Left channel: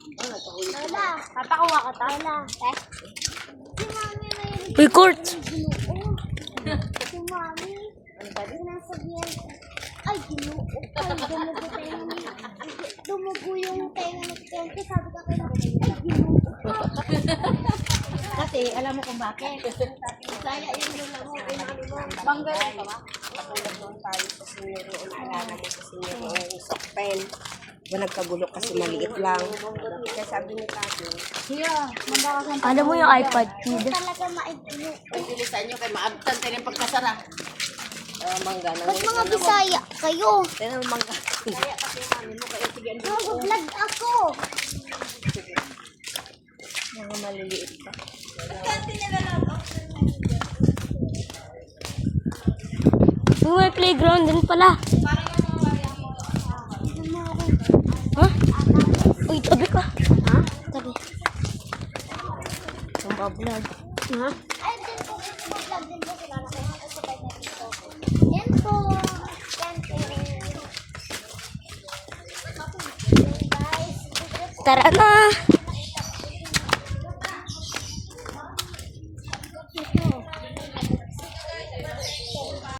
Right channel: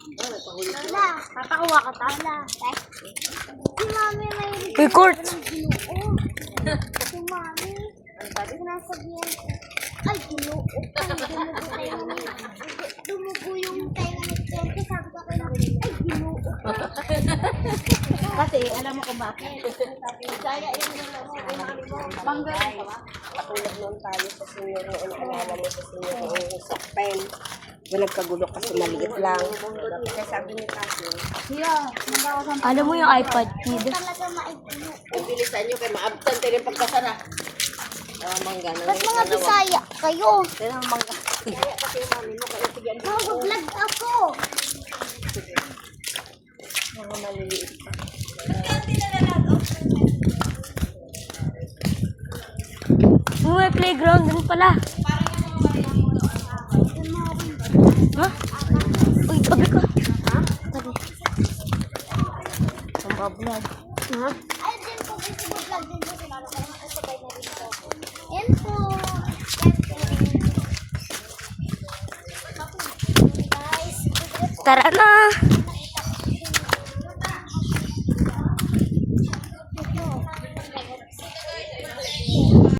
Ala, papakuha ka ta. Ala. Si Mami may Record. ginoo. Si Mami. Ang sabi sinasabihan ko. Ay, ginoo. Dumugo yung tayo ng nagtente. Sabi ko kayo, ay, ginoo. Kasi alam mo kung bakit. Saya yung laro kay Mami mo. Manggalan ka ba? Nung tayo sa senior noon, naalala niyo sa senior noon, yung sakpen. Walang kagulo kasi maliit lang. Kaya sabi ni Tati, Siya, nagkakasampa. Alam mo yung iPad kid? Talaga maigino. ang bilisan niyo kay maabtan tayo yung pagkasara. Mangga na. Ba't mga Bisaya kayo? Kaya mangga. Kaya kasi namin mo, kaya sige, ano Mag-vlog ako. mga maliliit pa. Yung may playground din pala. Ha? Uy, tabi ka. Ha? Tabi. Ang bablog. Ha? Ay, din po. Mag-vlog din po sila. Kaya nakasabay na rin po. Yan po. Tara na.